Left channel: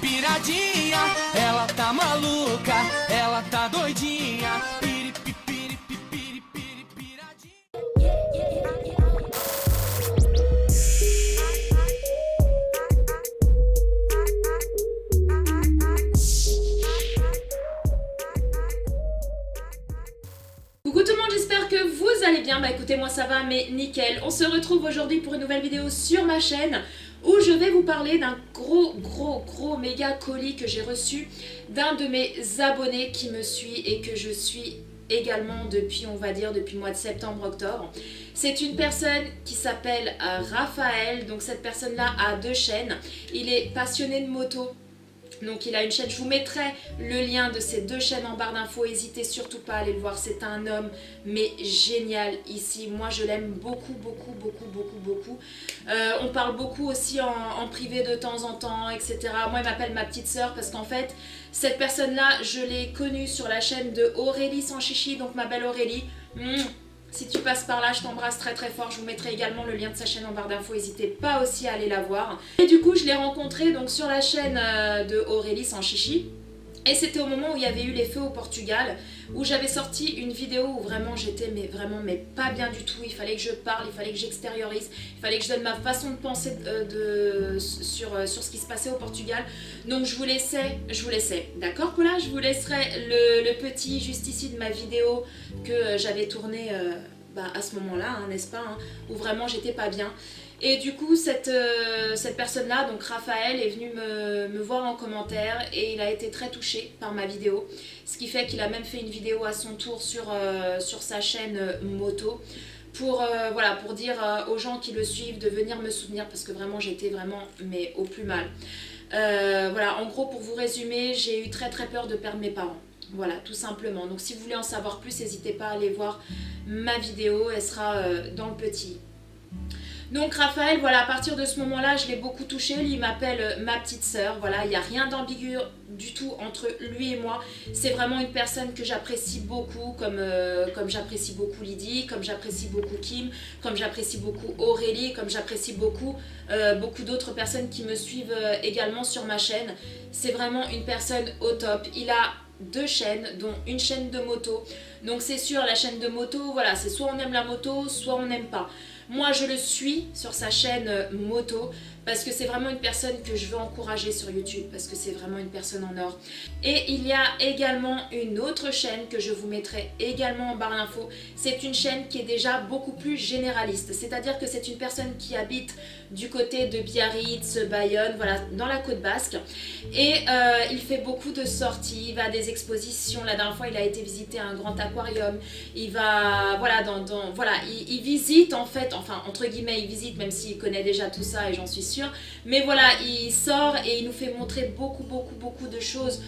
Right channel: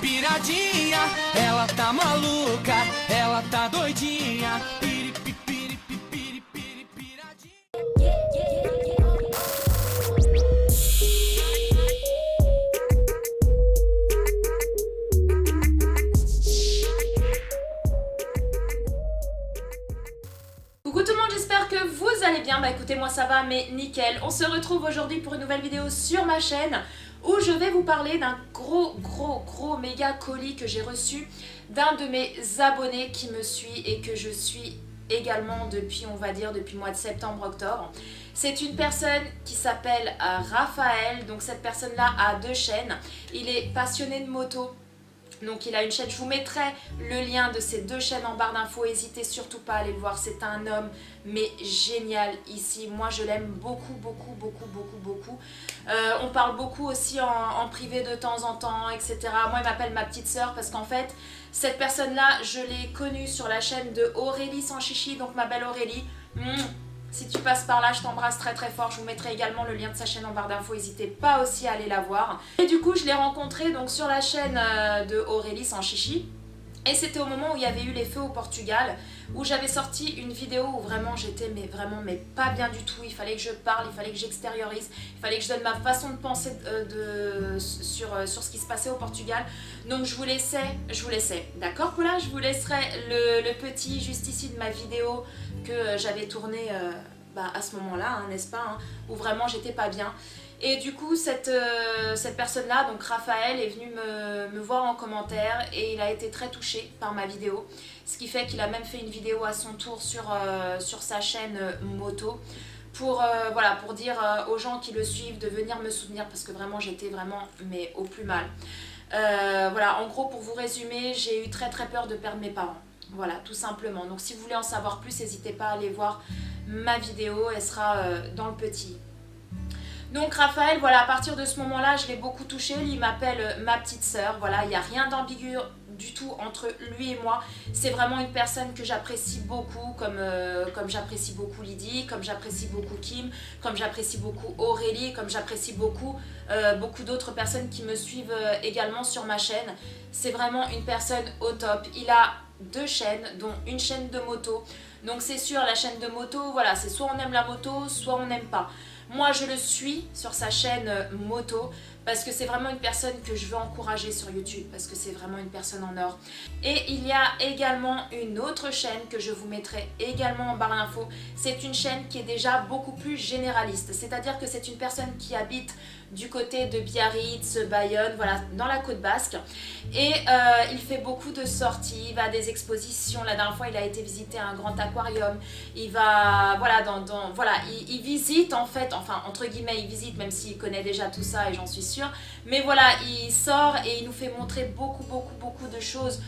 Piradinha, ela tá maluca, ela tá doidinha. Piradinha. Coucou tout le monde, j'espère que vous allez bien. Bah écoutez, moi ça va, mais nickel. On se retrouve aujourd'hui pour une nouvelle vidéo sur ma chaîne où je vais vous parler d'un gros méga colis que j'ai reçu d'un de mes abonnés qui me suit et que je suis également depuis, on va dire, depuis le mois de septembre-octobre. C'est une personne qui s'appelle Raphaël. Donc cette personne-là a 2 chaînes. Il est passionné de moto. Donc il a une chaîne, je vous mettrai le lien de ces 2 chaînes en barre d'infos, n'hésitez surtout pas à aller le voir, c'est un homme mais génial ici, moi je l'aime beaucoup. On parle beaucoup aussi en privé de temps en temps, etc. Moi il m'appelle ma petite sœur parce qu'en fait cette personne là je l'ai connue sur la chaîne de Aurélie sans chichi, donc ma belle Aurélie. Si tu passes par là, je t'embrasse très fort. Je vous mettrai également le lien de sa chaîne en barre d'infos. N'hésitez pas aussi à aller la voir. Et du coup, je l'ai rencontré donc sur la chaîne de Aurélie sans chichi. Et c'était au moment où il y avait eu les feux au Portugal, où j'avais sorti une vidéo où vraiment j'étais mais pas bien du tout. Il fallait que je parle, il fallait que j'extériorise, il fallait que je donne ma façon de penser sur ce qui se passait au Portugal. Donc je vous laissais, d'accord Paula, je vous laisserai le petit juste ici de ma vidéo que j'avais tournée à ce moment-là, hein, n'est-ce pas, hein, où vraiment j'étais pas bien. Et du coup, cette personne-là, donc Raphaël, est venu me voir en commentaire et il a été très touché par ma vidéo. Ce qui fait qu'il a même fait une vidéo à son tour sur sa chaîne moto pour dire aux gens qui le suivent de venir me soutenir parce que vraiment j'étais vraiment mais au plus mal. En gros, pour vous résumer, j'ai eu très peur de perdre mes parents. Voilà, tout simplement. Donc si vous voulez en savoir plus, n'hésitez pas à aller voir ma vidéo, elle sera dans le petit. Donc Raphaël, voilà, à partir de ce moment-là, je l'ai beaucoup touché. Lui, il m'appelle ma petite sœur. Voilà, il n'y a rien d'ambigu du tout entre lui et moi. C'est vraiment une personne que j'apprécie beaucoup, comme j'apprécie beaucoup Lydie, comme j'apprécie beaucoup Kim, comme j'apprécie beaucoup Aurélie, comme j'apprécie beaucoup d'autres personnes qui me suivent également sur ma chaîne. C'est vraiment une personne au top. Il a 2 chaînes, dont une chaîne de moto. Donc c'est sûr, la chaîne de moto, voilà, c'est soit on aime la moto, soit on n'aime pas. Moi, je le suis sur sa chaîne moto parce que c'est vraiment une personne que je veux encourager sur YouTube parce que c'est vraiment une personne en or. Et il y a également une autre chaîne que je vous mettrai également en barre d'infos. C'est une chaîne qui est déjà beaucoup plus généraliste. C'est-à-dire que c'est une personne qui habite du côté de Biarritz, Bayonne, voilà, dans la côte basque. Et il fait beaucoup de sorties, il va à des expositions. La dernière fois, il a été visiter un grand aquarium. Il va, voilà, il visite en fait, enfin entre guillemets, il visite même s'il connaît déjà tout ça et j'en suis sûre. Mais voilà, il sort et il nous fait montrer beaucoup de choses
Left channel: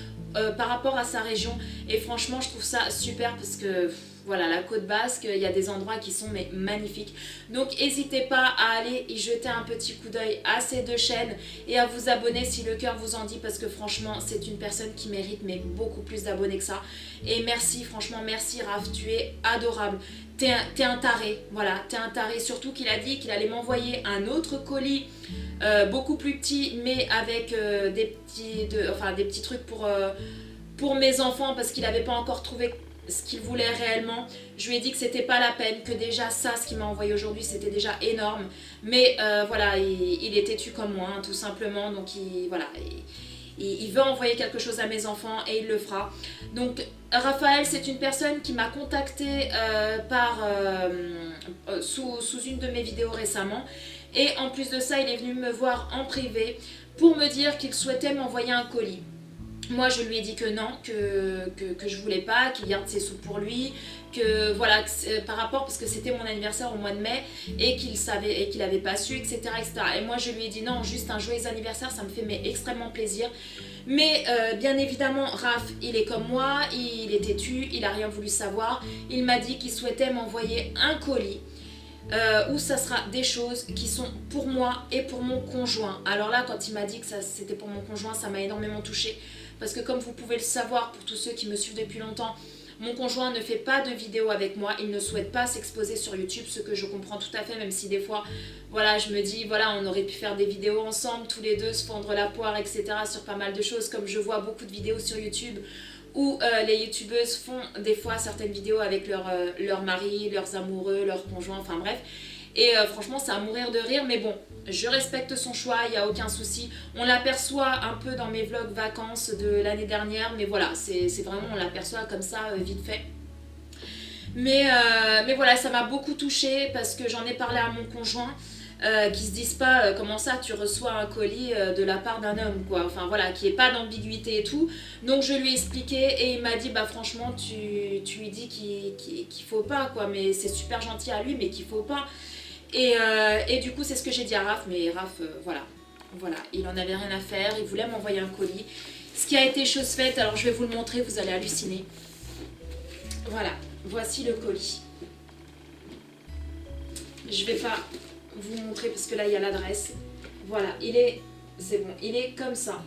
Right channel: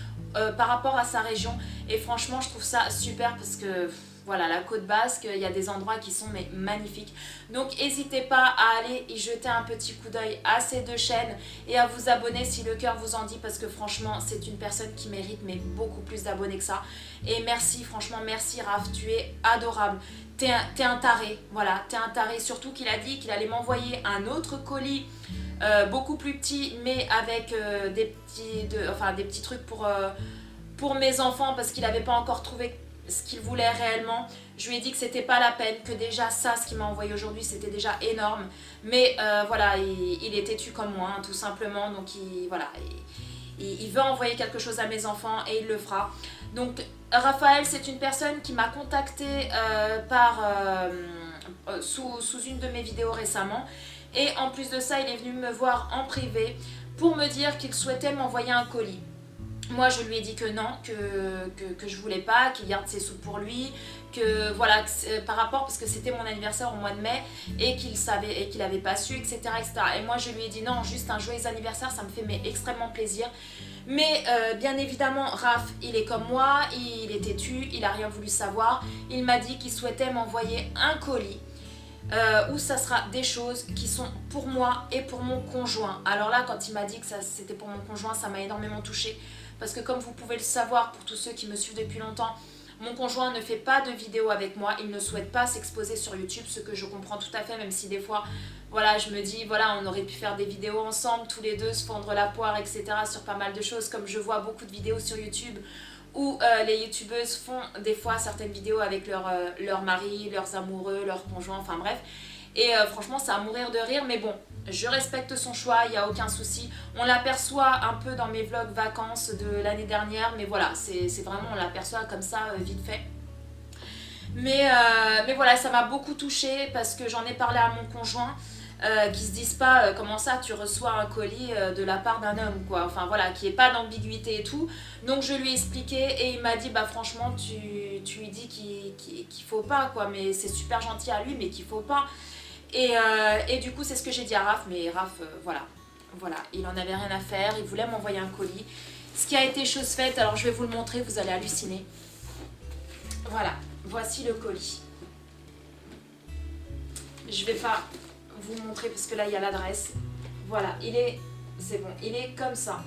par rapport à sa région. Et franchement, je trouve ça super parce que voilà, la côte basque, il y a des endroits qui sont magnifiques. Donc n'hésitez pas à aller y jeter un petit coup d'œil à ces 2 chaînes et à vous abonner si le cœur vous en dit parce que franchement, c'est une personne qui mérite beaucoup plus d'abonnés que ça. Et merci, franchement, merci Raph, tu es adorable. T'es un taré, voilà, t'es un taré. Surtout qu'il a dit qu'il allait m'envoyer un autre colis beaucoup plus petit, mais avec des petits trucs pour mes enfants parce qu'il n'avait pas encore trouvé ce qu'il voulait réellement. Je lui ai dit que c'était pas la peine, que déjà ça, ce qu'il m'a envoyé aujourd'hui, c'était déjà énorme. Mais voilà, il est têtu comme moi, hein, tout simplement. Donc il veut envoyer quelque chose à mes enfants et il le fera. Donc Raphaël, c'est une personne qui m'a contactée sous une de mes vidéos récemment. Et en plus de ça, il est venu me voir en privé pour me dire qu'il souhaitait m'envoyer un colis. Moi, je lui ai dit que non, que je voulais pas, qu'il garde ses sous pour lui, que voilà, par rapport, parce que c'était mon anniversaire au mois de mai et qu'il savait et qu'il avait pas su, etc., etc. Et moi, je lui ai dit non, juste un joyeux anniversaire, ça me fait extrêmement plaisir. Mais bien évidemment, Raph, il est comme moi, il est têtu, il a rien voulu savoir. Il m'a dit qu'il souhaitait m'envoyer un colis. Où ça sera des choses qui sont pour moi et pour mon conjoint. Alors là, quand il m'a dit que c'était pour mon conjoint, ça m'a énormément touchée parce que comme vous pouvez le savoir, pour tous ceux qui me suivent depuis longtemps, Mon conjoint ne fait pas de vidéos avec moi, il ne souhaite pas s'exposer sur YouTube, ce que je comprends tout à fait, même si des fois, voilà, je me dis, voilà, on aurait pu faire des vidéos ensemble, tous les deux, se fendre la poire, etc. sur pas mal de choses, comme je vois beaucoup de vidéos sur YouTube où les youtubeuses font des fois certaines vidéos avec leur mari, leurs amoureux, leurs conjoints, enfin bref. Et franchement, c'est à mourir de rire, mais bon, je respecte son choix, il n'y a aucun souci. On l'aperçoit un peu dans mes vlogs vacances de l'année dernière, mais voilà, c'est vraiment, on l'aperçoit comme ça, vite fait. Mais voilà, ça m'a beaucoup touchée parce que j'en ai parlé à mon conjoint, qui se disent pas comment ça tu reçois un colis de la part d'un homme, quoi. Enfin voilà, qui est pas d'ambiguïté et tout. Donc je lui ai expliqué et il m'a dit bah franchement tu lui dis qu'il faut pas, quoi, mais c'est super gentil à lui, mais qu'il faut pas. Et du coup, c'est ce que j'ai dit à Raph, mais Raph, voilà, il en avait rien à faire, il voulait m'envoyer un colis. Ce qui a été chose faite, alors je vais vous le montrer, vous allez halluciner. Voilà, voici le colis. Je vais pas vous montrer parce que là, il y a l'adresse. Voilà, c'est bon, il est comme ça.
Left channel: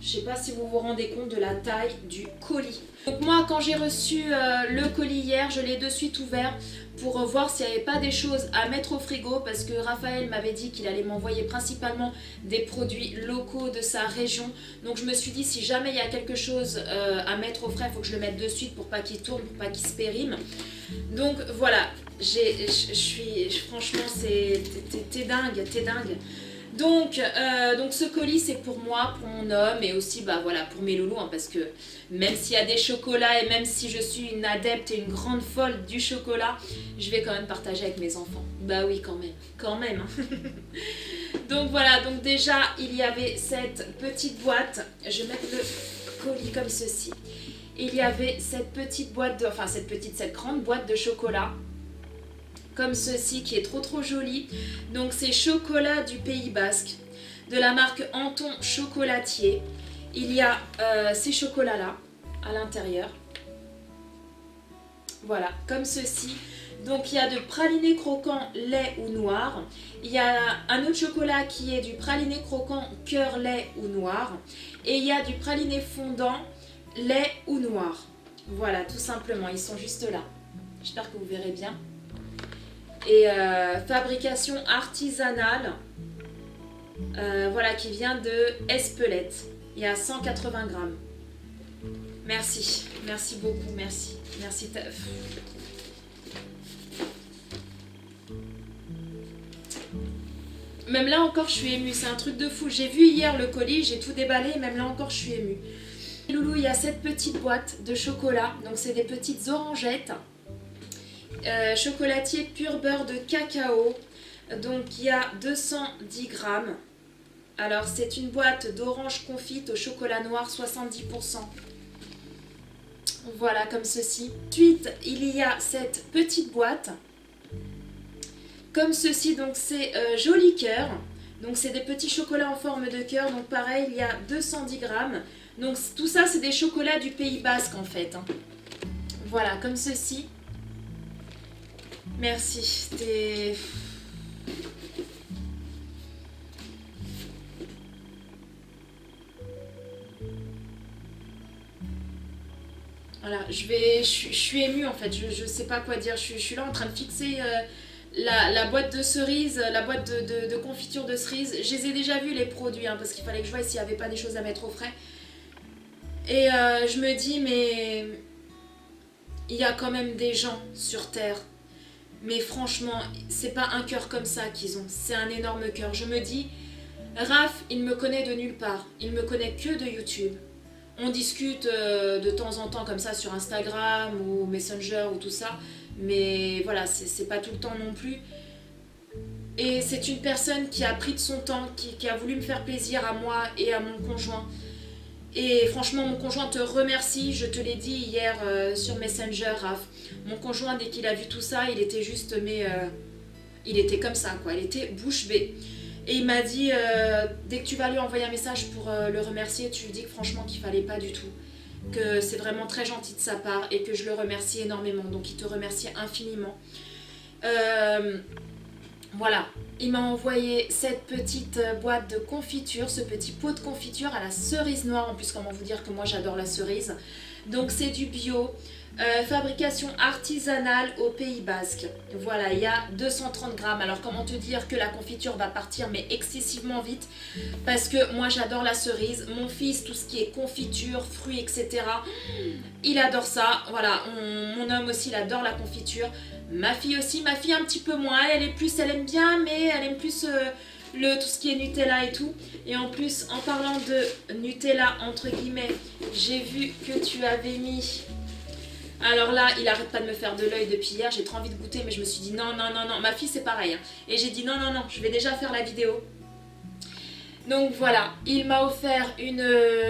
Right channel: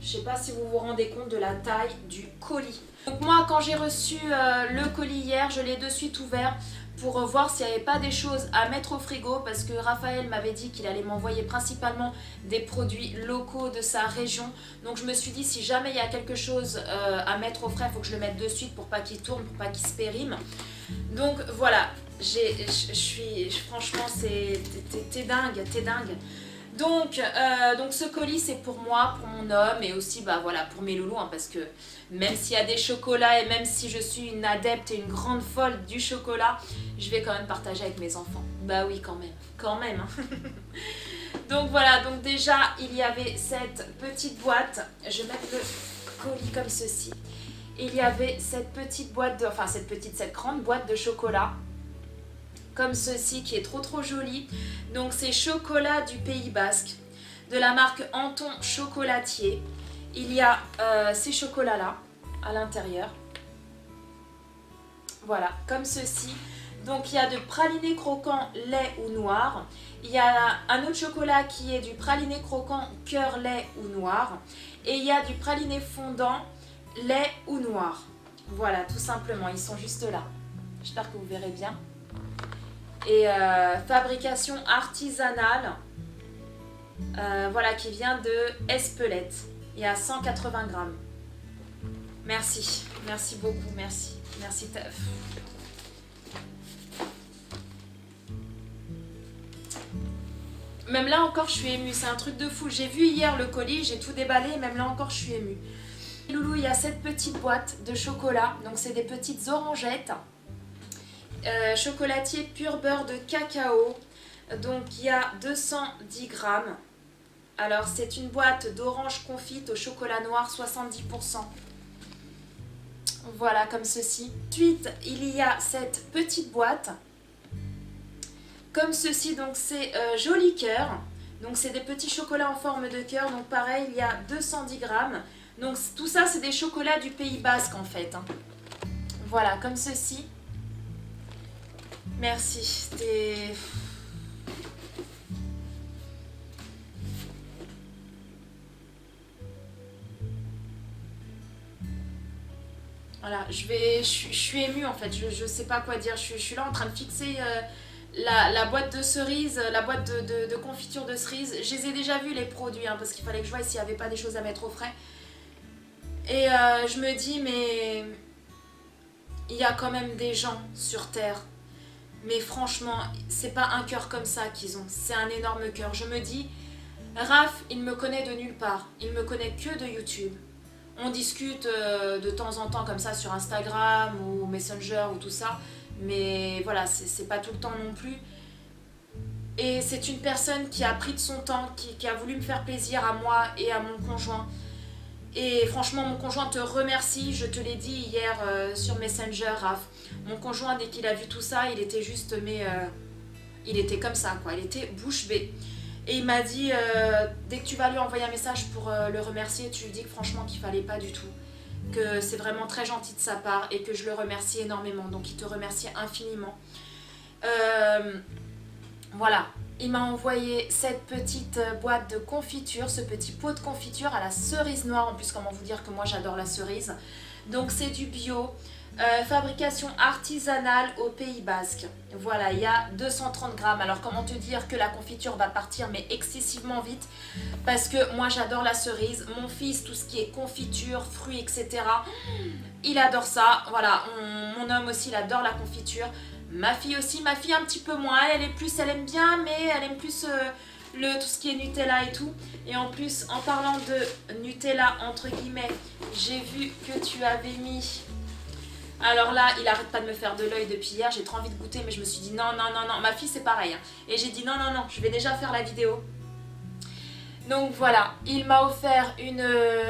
Je sais pas si vous vous rendez compte de la taille du colis. Donc moi, quand j'ai reçu le colis hier, je l'ai de suite ouvert pour voir s'il n'y avait pas des choses à mettre au frigo, parce que Raphaël m'avait dit qu'il allait m'envoyer principalement des produits locaux de sa région. Donc je me suis dit, si jamais il y a quelque chose à mettre au frais, il faut que je le mette de suite pour pas qu'il tourne, pour pas qu'il se périme. Donc voilà, franchement, t'es dingue. Donc ce colis, c'est pour moi, pour mon homme, et aussi bah voilà, pour mes loulous, hein, parce que même s'il y a des chocolats et même si je suis une adepte et une grande folle du chocolat, je vais quand même partager avec mes enfants. Bah oui, quand même. Hein. Donc voilà, donc déjà il y avait cette petite boîte, je vais mettre le colis comme ceci. Il y avait cette petite boîte, cette grande boîte de chocolat. Comme ceci, qui est trop joli. Donc c'est chocolat du Pays Basque, de la marque Anton Chocolatier. Il y a ces chocolats là à l'intérieur, voilà, comme ceci. Donc il y a de praliné croquant lait ou noir. Il y a un autre chocolat qui est du praliné croquant cœur lait ou noir. Et il y a du praliné fondant lait ou noir. Voilà, tout simplement, ils sont juste là. J'espère que vous verrez bien. Et fabrication artisanale, voilà, qui vient de Espelette. Il y a 180 grammes. Merci beaucoup, merci Teuf. Même là encore je suis émue, c'est un truc de fou. J'ai vu hier le colis, j'ai tout déballé, même là encore je suis émue. Loulou, il y a cette petite boîte de chocolat, donc c'est des petites orangettes. Chocolatier pur beurre de cacao, donc il y a 210 grammes. Alors c'est une boîte d'orange confite au chocolat noir 70%. Voilà, comme ceci. Ensuite il y a cette petite boîte comme ceci, donc c'est joli cœur, donc c'est des petits chocolats en forme de cœur, donc pareil il y a 210 grammes. Donc tout ça c'est des chocolats du Pays Basque en fait, hein. Voilà, comme ceci. Merci, c'était... Voilà, je suis émue en fait, je sais pas quoi dire, je suis là en train de fixer la boîte de cerises, la boîte de confiture de cerises. Je les ai déjà vus les produits, hein, parce qu'il fallait que je voie s'il n'y avait pas des choses à mettre au frais. Et je me dis, mais il y a quand même des gens sur Terre. Mais franchement, c'est pas un cœur comme ça qu'ils ont, c'est un énorme cœur. Je me dis, Raph, il me connaît de nulle part, il me connaît que de YouTube. On discute de temps en temps comme ça sur Instagram ou Messenger ou tout ça, mais voilà, c'est pas tout le temps non plus. Et c'est une personne qui a pris de son temps, qui a voulu me faire plaisir à moi et à mon conjoint. Et franchement, mon conjoint te remercie, je te l'ai dit hier sur Messenger, Raph. Mon conjoint, dès qu'il a vu tout ça, il était juste, il était comme ça, quoi, il était bouche bée. Et il m'a dit, dès que tu vas lui envoyer un message pour le remercier, tu lui dis que franchement qu'il fallait pas du tout. Que c'est vraiment très gentil de sa part et que je le remercie énormément. Donc il te remercie infiniment. Voilà, il m'a envoyé cette petite boîte de confiture, ce petit pot de confiture à la cerise noire. En plus, comment vous dire que moi j'adore la cerise. Donc c'est du bio. Fabrication artisanale au Pays Basque. Voilà, il y a 230 grammes. Alors comment te dire que la confiture va partir mais excessivement vite parce que moi j'adore la cerise. Mon fils, tout ce qui est confiture, fruits, etc. Il adore ça. Voilà, mon homme aussi, il adore la confiture. Ma fille aussi, ma fille un petit peu moins. Elle aime bien, mais elle aime plus tout ce qui est Nutella et tout. Et en plus, en parlant de Nutella, entre guillemets, j'ai vu que tu avais mis... Alors là, il arrête pas de me faire de l'œil depuis hier, j'ai trop envie de goûter, mais je me suis dit non, non, non, non, ma fille c'est pareil. Hein. Et j'ai dit non, non, non, je vais déjà faire la vidéo. Donc voilà, il m'a offert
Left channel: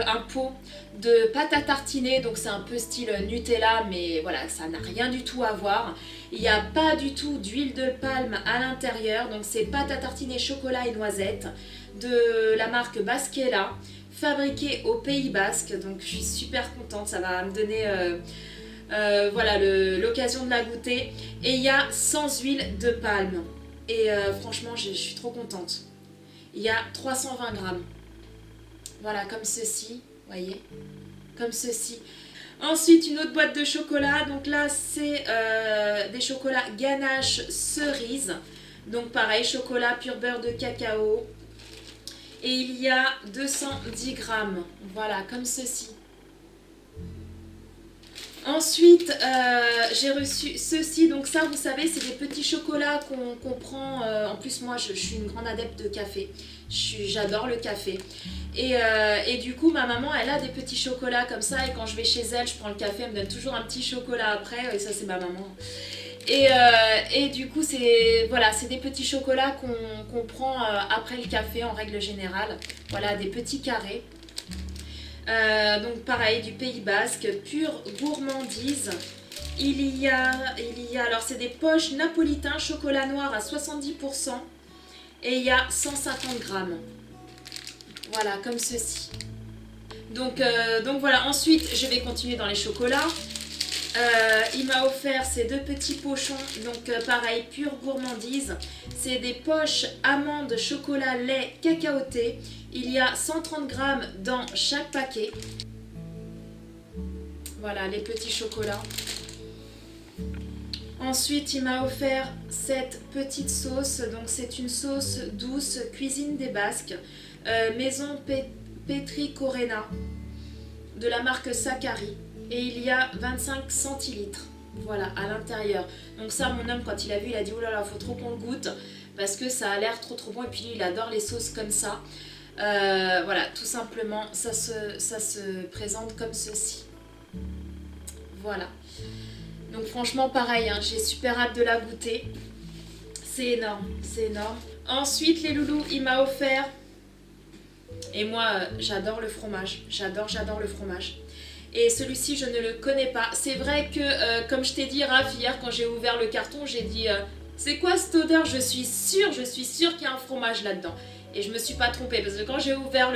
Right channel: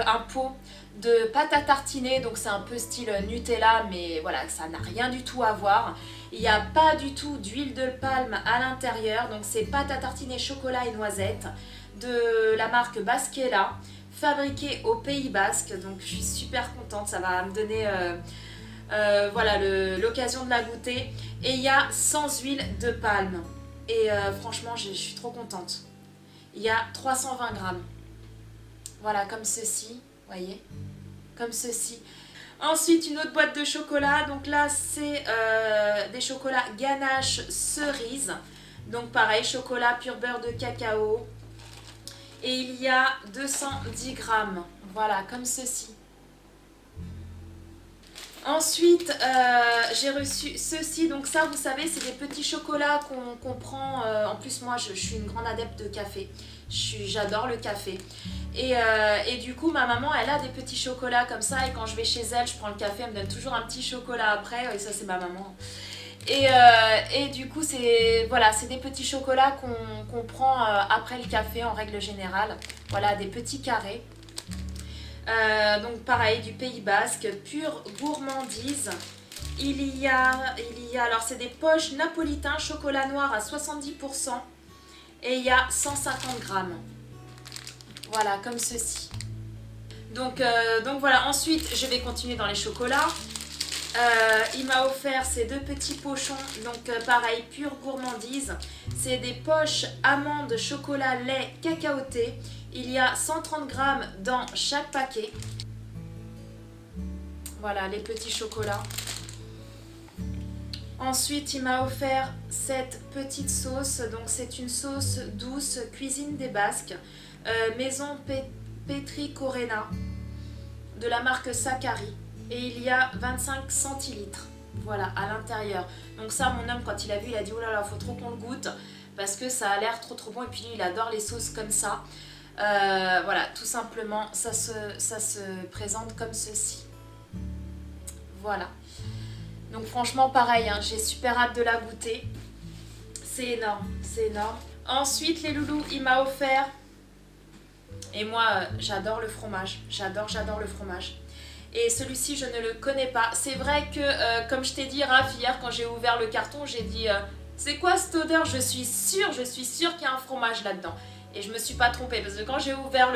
un pot de pâte à tartiner, donc c'est un peu style Nutella, mais voilà, ça n'a rien du tout à voir. Il n'y a pas du tout d'huile de palme à l'intérieur, donc c'est pâte à tartiner chocolat et noisettes de la marque Basquela, fabriquée au Pays Basque, donc je suis super contente, ça va me donner... voilà l'occasion de la goûter et il y a sans huile de palme et franchement je suis trop contente. Il y a 320 grammes, voilà, comme ceci, voyez, comme ceci. Ensuite une autre boîte de chocolat, donc là c'est des chocolats ganache cerise, donc pareil, chocolat pur beurre de cacao, et il y a 210 grammes, voilà, comme ceci. Ensuite, j'ai reçu ceci, donc ça vous savez c'est des petits chocolats qu'on prend, en plus moi je suis une grande adepte de café, j'adore le café et du coup ma maman elle a des petits chocolats comme ça et quand je vais chez elle je prends le café, elle me donne toujours un petit chocolat après et ça c'est ma maman et du coup c'est voilà, c'est des petits chocolats qu'on prend après le café en règle générale, voilà des petits carrés. Donc pareil, du Pays Basque, pure gourmandise. Il y a alors c'est des poches napolitains chocolat noir à 70% et il y a 150 grammes. Voilà, comme ceci. Donc voilà, ensuite je vais continuer dans les chocolats. Il m'a offert ces deux petits pochons, donc pareil, pure gourmandise. C'est des poches amandes, chocolat, lait, cacaoté. Il y a 130 grammes dans chaque paquet. Voilà, les petits chocolats. Ensuite, il m'a offert cette petite sauce. Donc, c'est une sauce douce, cuisine des Basques. Maison Petri Corena, de la marque Sakari. Et il y a 25 centilitres. Voilà, à l'intérieur. Donc ça, mon homme, quand il a vu, il a dit « Oh là là, faut trop qu'on le goûte. » Parce que ça a l'air trop trop bon. Et puis, lui, il adore les sauces comme ça. Voilà, tout simplement, ça se présente comme ceci. Voilà. Donc franchement, pareil, hein, j'ai super hâte de la goûter. C'est énorme, c'est énorme. Ensuite, les loulous, il m'a offert... Et moi, j'adore le fromage. J'adore le fromage. Et celui-ci, je ne le connais pas. C'est vrai que, comme je t'ai dit, Raph, hier, quand j'ai ouvert le carton, j'ai dit c'est quoi cette odeur? Je suis sûre qu'il y a un fromage là-dedans. Et je me suis pas trompée, parce que quand j'ai ouvert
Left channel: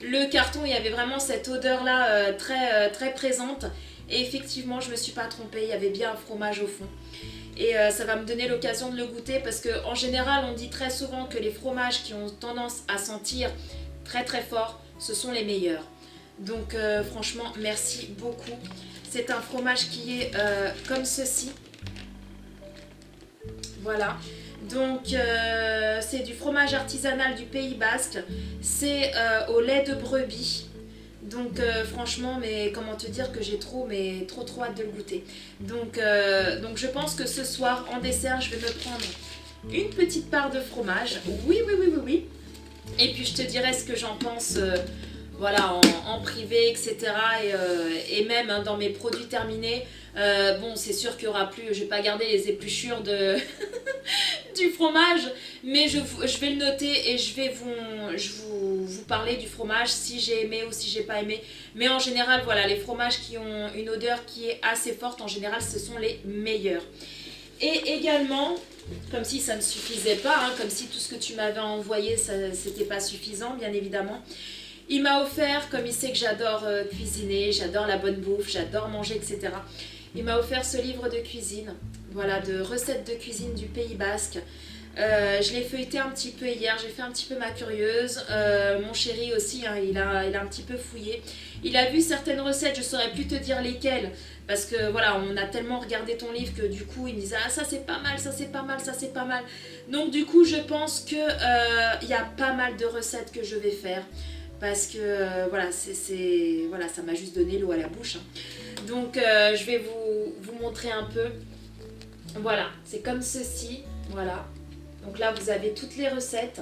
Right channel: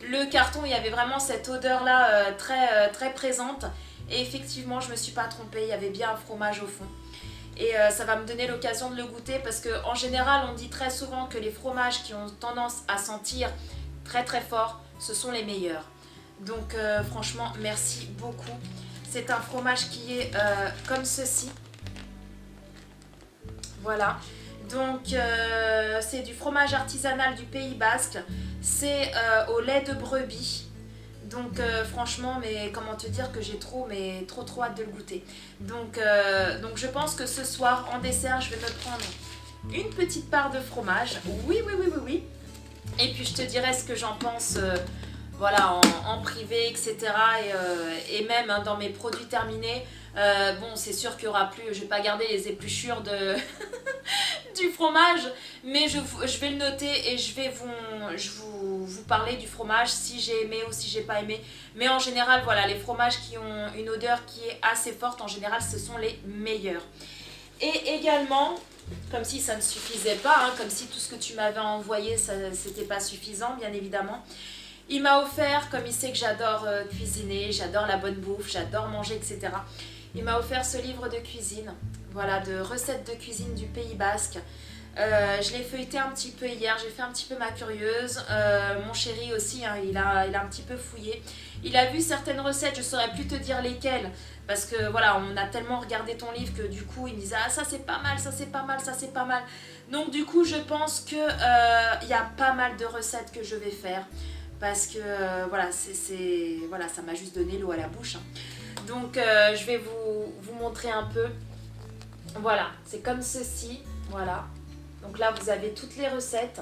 le carton, il y avait vraiment cette odeur-là très présente. Et effectivement, je me suis pas trompée, il y avait bien un fromage au fond. Et ça va me donner l'occasion de le goûter, parce qu'en général, on dit très souvent que les fromages qui ont tendance à sentir très très fort, ce sont les meilleurs. Donc franchement, merci beaucoup. C'est un fromage qui est comme ceci. Voilà. Donc c'est du fromage artisanal du Pays Basque. C'est au lait de brebis. Donc franchement, mais comment te dire que j'ai trop hâte de le goûter. Donc je pense que ce soir, en dessert, je vais me prendre une petite part de fromage. Oui. Et puis je te dirai ce que j'en pense... voilà, en privé, etc. Et même hein, dans mes produits terminés, bon, c'est sûr qu'il y aura plus, je vais pas garder les épluchures du fromage, mais je vais le noter et je vais vous parler du fromage si j'ai aimé ou si j'ai pas aimé. Mais en général, voilà, les fromages qui ont une odeur qui est assez forte, en général, ce sont les meilleurs. Et également, comme si ça ne suffisait pas, hein, comme si tout ce que tu m'avais envoyé, c'était pas suffisant, bien évidemment. Il m'a offert, comme il sait que j'adore cuisiner, j'adore la bonne bouffe, j'adore manger, etc. Il m'a offert ce livre de cuisine, voilà, de recettes de cuisine du Pays Basque. Je l'ai feuilleté un petit peu hier, j'ai fait un petit peu ma curieuse. Mon chéri aussi, hein, il a un petit peu fouillé. Il a vu certaines recettes, je saurais plus te dire lesquelles. Parce que voilà, on a tellement regardé ton livre que du coup, il me disait « Ah, ça c'est pas mal, ça c'est pas mal, ça c'est pas mal. » Donc du coup, je pense que il y a pas mal de recettes que je vais faire. Parce que voilà, voilà, ça m'a juste donné l'eau à la bouche. Hein. Donc je vais vous montrer un peu. Voilà, c'est comme ceci. Voilà. Donc là, vous avez toutes les recettes.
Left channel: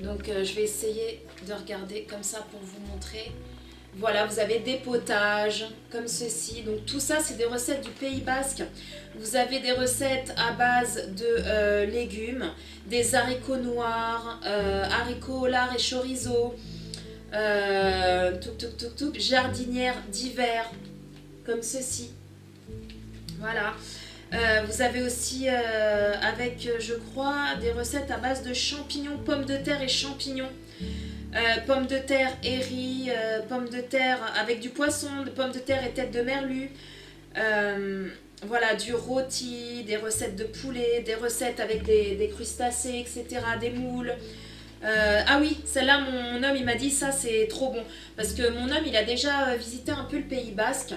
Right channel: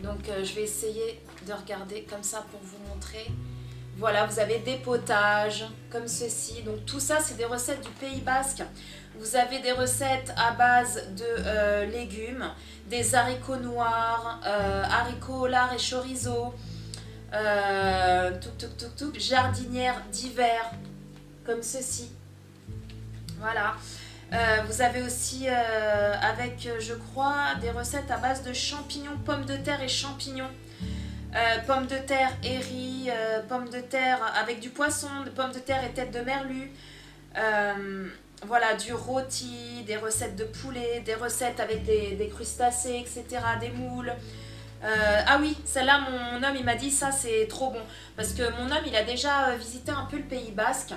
Donc je vais essayer de regarder comme ça pour vous montrer. Voilà, vous avez des potages comme ceci. Donc tout ça, c'est des recettes du Pays Basque. Vous avez des recettes à base de légumes, des haricots noirs, haricots, lard et chorizo, jardinière d'hiver, comme ceci. Voilà. Vous avez aussi avec, je crois, des recettes à base de champignons, pommes de terre et champignons. Pommes de terre et riz, pommes de terre avec du poisson, de pommes de terre et tête de merlu. Voilà, du rôti, des recettes de poulet, des recettes avec des crustacés, etc., des moules. Ah oui, celle-là, mon homme, il m'a dit ça, c'est trop bon. Parce que mon homme, il a déjà visité un peu le Pays Basque.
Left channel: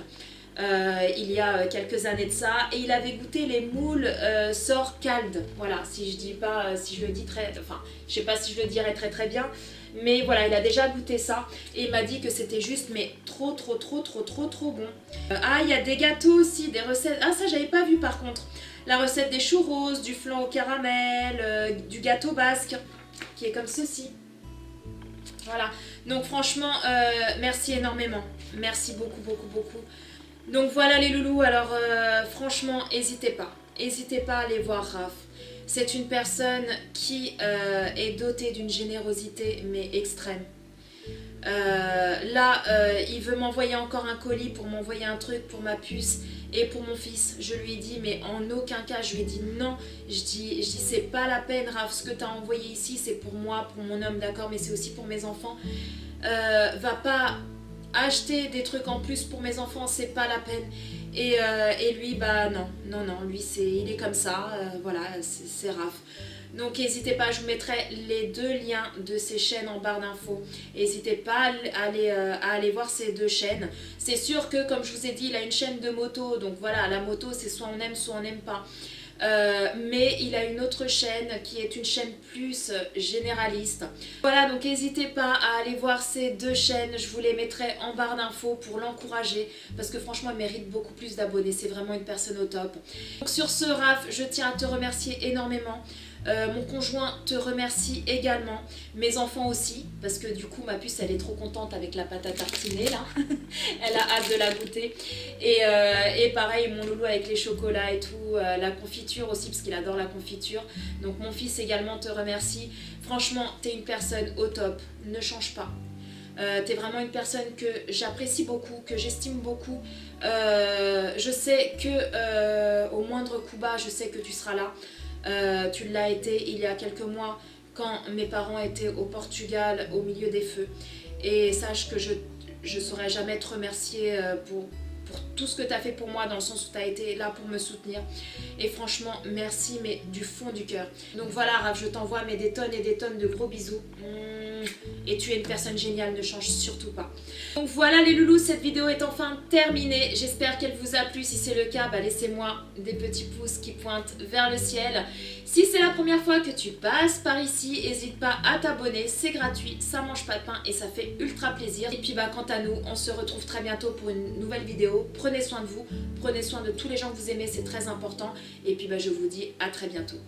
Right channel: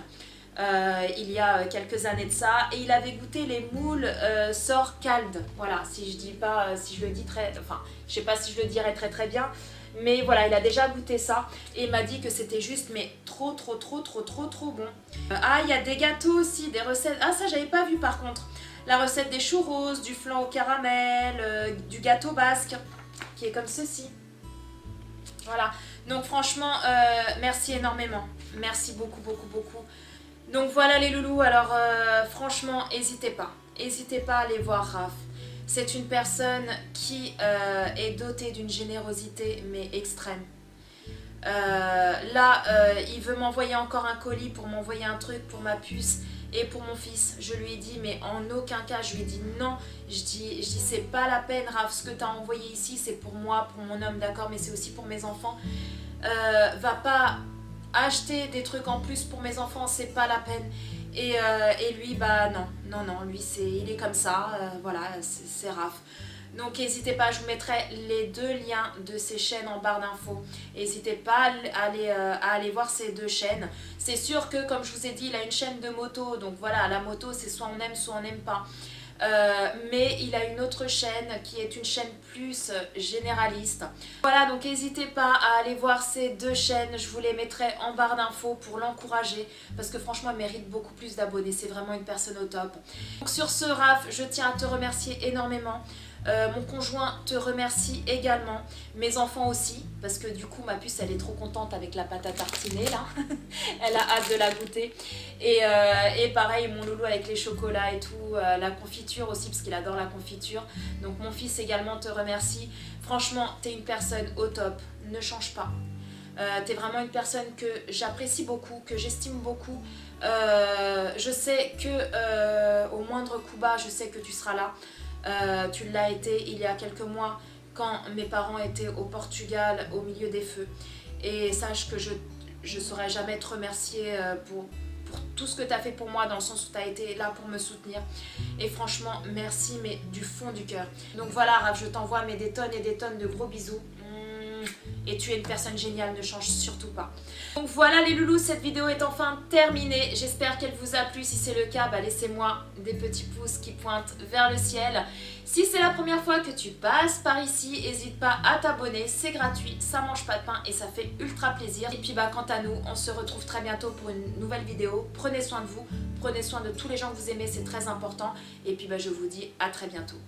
Il y a quelques années de ça, et il avait goûté les moules sor calde. Voilà, si je dis pas, si je le dis très, enfin, je sais pas si je le dirais très très bien, mais voilà, il a déjà goûté ça et il m'a dit que c'était juste mais trop bon. Ah, il y a des gâteaux aussi, des recettes. Ah, ça j'avais pas vu par contre. La recette des churros, du flan au caramel, du gâteau basque qui est comme ceci. Voilà. Donc franchement, merci énormément. Merci beaucoup. Donc voilà les loulous, alors franchement, n'hésitez pas à aller voir Raph. C'est une personne qui est dotée d'une générosité mais extrême. Là, il veut m'envoyer encore un colis pour m'envoyer un truc pour ma puce et pour mon fils. Je lui ai dit, mais en aucun cas, je lui ai dit non. Je dis c'est pas la peine Raph, ce que tu as envoyé ici, c'est pour moi, pour mon homme, d'accord, mais c'est aussi pour mes enfants. Va pas acheter des trucs en plus pour mes enfants, c'est pas la peine. Et lui, bah non, lui il est comme ça, voilà, c'est Raph. Donc n'hésitez pas, je vous mettrai les deux liens de ces chaînes en barre d'infos. N'hésitez pas à aller voir ces deux chaînes. C'est sûr que, comme je vous ai dit, il a une chaîne de moto, donc voilà, la moto c'est soit on aime, soit on n'aime pas. Mais il a une autre chaîne qui est une chaîne plus généraliste. Voilà, donc n'hésitez pas à aller voir ces deux chaînes, je vous les mettrai en barre d'infos pour l'encourager parce que franchement il mérite beaucoup plus d'abonnés, c'est vraiment une personne au top. Donc sur ce Raph, je tiens à te remercier énormément. Mon conjoint te remercie également, mes enfants aussi, parce que du coup ma puce elle est trop contente avec la pâte à tartiner là, elle a hâte de la goûter, et pareil mon loulou avec les chocolats et tout, la confiture aussi parce qu'il adore la confiture, donc mon fils également te remercie. Franchement t'es une personne au top, ne change pas. T'es vraiment une personne que j'apprécie beaucoup, que j'estime beaucoup. Je sais que au moindre coup bas, je sais que tu seras là. Tu l'as été il y a quelques mois quand mes parents étaient au Portugal au milieu des feux. Et sache que je ne saurais jamais te remercier pour tout ce que tu as fait pour moi, dans le sens où tu as été là pour me soutenir. Et franchement, merci, mais du fond du cœur. Donc voilà, Raph, je t'envoie des tonnes et des tonnes de gros bisous. Et tu es une personne géniale, ne change surtout pas. Donc voilà les loulous, cette vidéo est enfin terminée. J'espère qu'elle vous a plu. Si c'est le cas, bah laissez-moi des petits pouces qui pointent vers le ciel. Si c'est la première fois que tu passes par ici, n'hésite pas à t'abonner, c'est gratuit, ça mange pas de pain et ça fait ultra plaisir. Et puis bah quant à nous, on se retrouve très bientôt pour une nouvelle vidéo. Prenez soin de vous, prenez soin de tous les gens que vous aimez, c'est très important. Et puis bah je vous dis à très bientôt.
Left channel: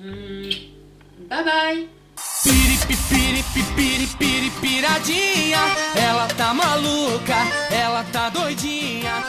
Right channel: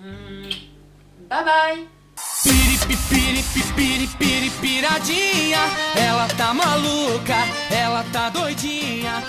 Bye bye. Piradinha, ela tá maluca, ela tá doidinha.